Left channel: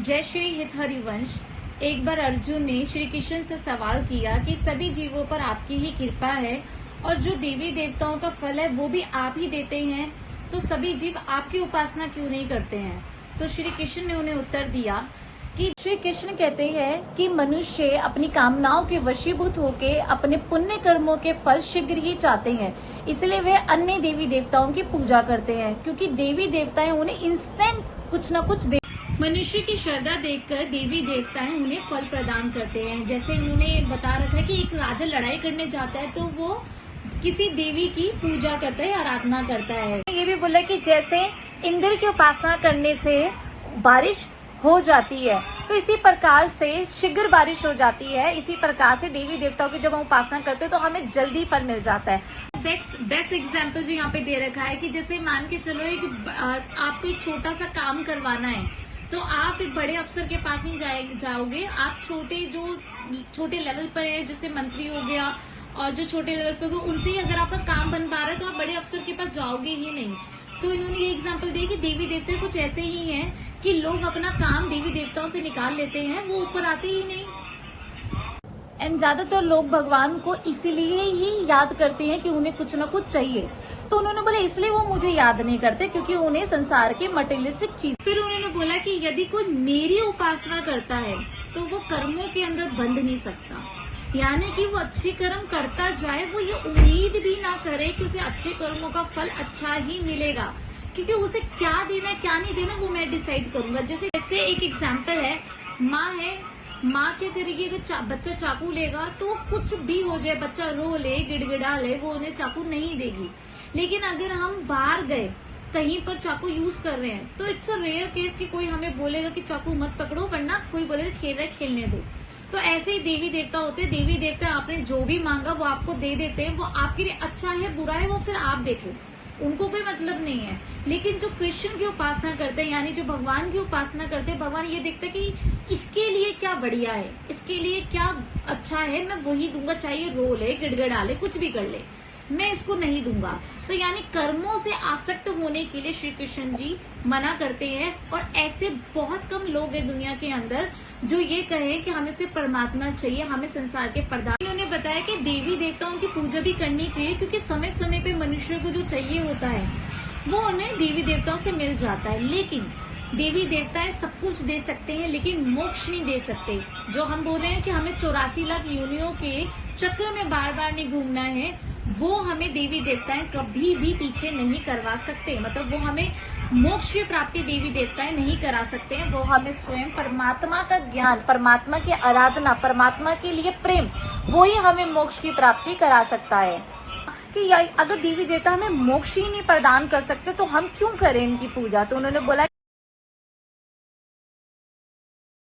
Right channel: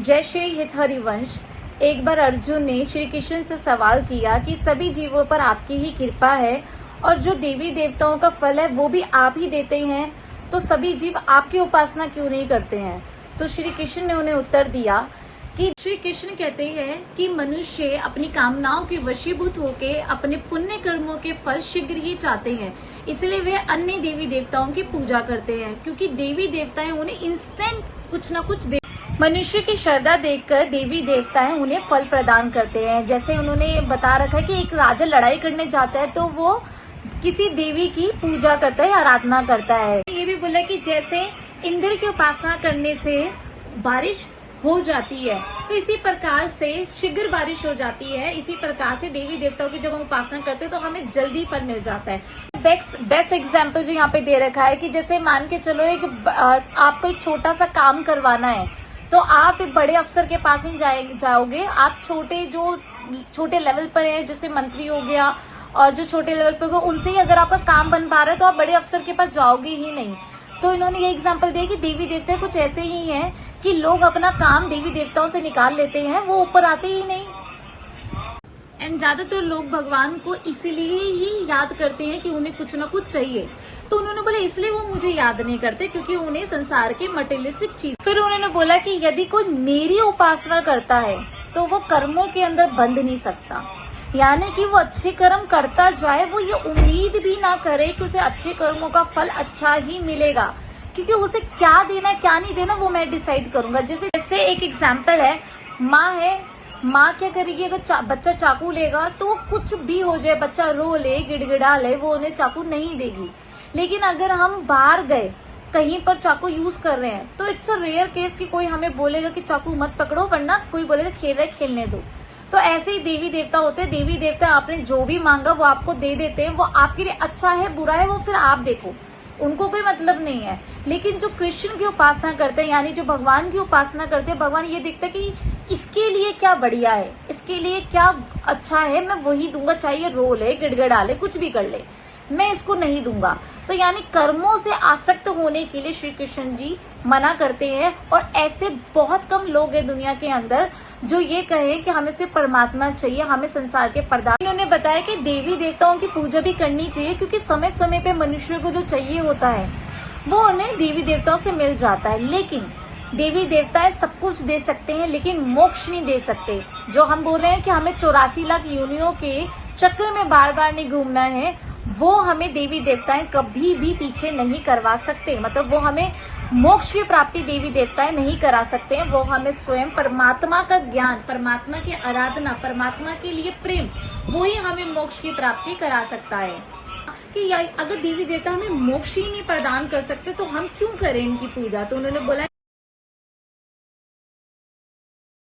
जय श्री हित हरिवंश। एक बार अर्जुन ने श्री कृष्ण से सवाल किया कि सभी जीवों पर आपकी ही कृपा है और जो देवी देवताओं का फल है वो भी आप ही देते हैं, तो सभी जीव आपकी उपासना क्यों नहीं करते हैं। तो श्री कृष्ण ने उन्हें उत्तर दिया कि श्री कृष्ण कहते हैं कि मनुष्य अपनी कामनाओं के वशीभूत होकर अपने पुण्य कर्मों के फल शीघ्र ही चाहते हैं, इसलिए वे अन्य देवी देवताओं की पूजा करते हैं, क्योंकि देवी देवताएं उन्हें इंस्टेंट कुछ न कुछ मनुष्य की श्रद्धा देखकर देवी देवताएं उन्हें फल प्रदान करते हैं। जैसे उन्होंने बता रखा है कि एक राजा लड़ाई करने जाता है तो वो किसी देवी की पूजा करता है, आराधना करता है। ये भी बोला कि जैसे इंद्र की उपासना करने से बारिश हो जाती है, तो इसी प्रकार से शीघ्र बारिश हो जाती है। इसी प्रकार से देवी देवताओं की जब हम उपासना करते हैं तो हमें जल्दी फल मिल जाता है। बेस्ट एग्जाम्पल जो यहाँ पे दे रखा है कि जैसे मान के चलो आपको एक छोटा सा काम करवाना है, तो आप एक बड़े अफसर के पास ही जाओगे। आप छोटे लेवल पर है, जैसे मंत्री हो गया, और जो छोटे लेवल पर हो उनसे ही अगर आपका काम बन पा रहा है तो आप बड़े अफसर के पास जाओगे ही नहीं। तो इन्होंने ये एग्जांपल दिया कि देवी देवता कुछ ऐसे ही हैं कि लोग अपना काम देवी देवताओं से निकाल लेते हैं, वो ऊपर आते ही नहीं। एंड ज्यादातर लोग भगवान को इसलिए ही याद करते हैं कि उन्हें कुछ न कुछ चाहिए। तो उन्होंने बोला इसलिए वो मुझे याद नहीं करते, क्योंकि उन्हें संसार के मटेरियलिस्टिक चीज। फिर उन्होंने बोला कि यदि कोई मेरी उपासना करता है तो वो कर्मों के अंदर बंध नहीं सकता, यानी कि वो अच्छे कर्म करता जाए, वो ये उम्मीद भी ना करे कि उसे अच्छे कर्मों का फल अच्छा ही मिलेगा, क्योंकि उसे क्या देना क्या नहीं देना वो मैं डिसाइड करूंगा। जैसे एक एग्जाम्पल है, माँ है, माँ क्या करेगी, अगर बच्चा चाकू लेगा तो वो कुछ भी हो जाए, बच्चा रो ले गिड़गिड़ा ले, वो उन्हें चाकू नहीं देगी। लेकिन अगर हम बाहर गए कहीं पर चाकू यूज कर रहे हैं तो इट्स अ रेयर केस कि कोई हमें बोलेगा कि चाकू मत पकड़ो, वरना कोई बोलेगा खेल रहे खेलने दो। तो ऐसे ही देवी देवता होते हैं। देवी देवता आपने जो भी मांगा वो आपको दे देते हैं। वो आपके लिए अच्छा है बुरा है वो फिर आप देखो, उनको कोई मतलब नहीं है। लेकिन जो कृष्ण की उपासना करते हैं, यानी जो भगवान की उपासना करते हैं, भगवान ये देखता है कि इसके लिए क्या बढ़िया है, इसके लिए क्या अच्छा है, मैं वही दूंगा, चाहे रो ले गिड़गिड़ा ले कुछ भी कर ले, मैं इसको नहीं दूंगा। तो यानी कर्मों से आसक्त होने के लिए श्री कृष्ण जी मना करते हैं। और ऐसे बहुत कम लोग हैं दुनिया के अंदर जो ये कहें कि हमें सिर्फ परमात्मा चाहिए, हमें संसार के पदार्थ। इन्होंने बताया कि देवी देवताओं की पूजा भी करनी चाहिए, क्योंकि समय समय पे मनुष्य को जो चाहिए होता है वो उन्हें देवी देवताओं से मिल जाता है। लेकिन देवी देवताएं सब कुछ दे सकते हैं लेकिन मोक्ष नहीं दे सकते। जो हम बोल रहे हैं कि हमें 84 लाख योनियों के चक्र में बार बार नहीं घूमना है, वो हमें देवी देवताएं कभी भी पीछे नहीं करवा सकते। मतलब वो हमें मोक्ष की प्राप्ति देवी देवताएं नहीं करा सकते हैं। वो हमें स्वयं परमात्मा का ज्ञान, परमात्मा की आराधना, परमात्मा के लिए प्रेम, वो ही हमें मोक्ष की प्राप्ति करा सकता है। कि अगर देवी देवता हमें मोक्ष ही नहीं प्रदान कर सकते तो हम क्यों करें इनकी पूजा। तो उन्होंने बोला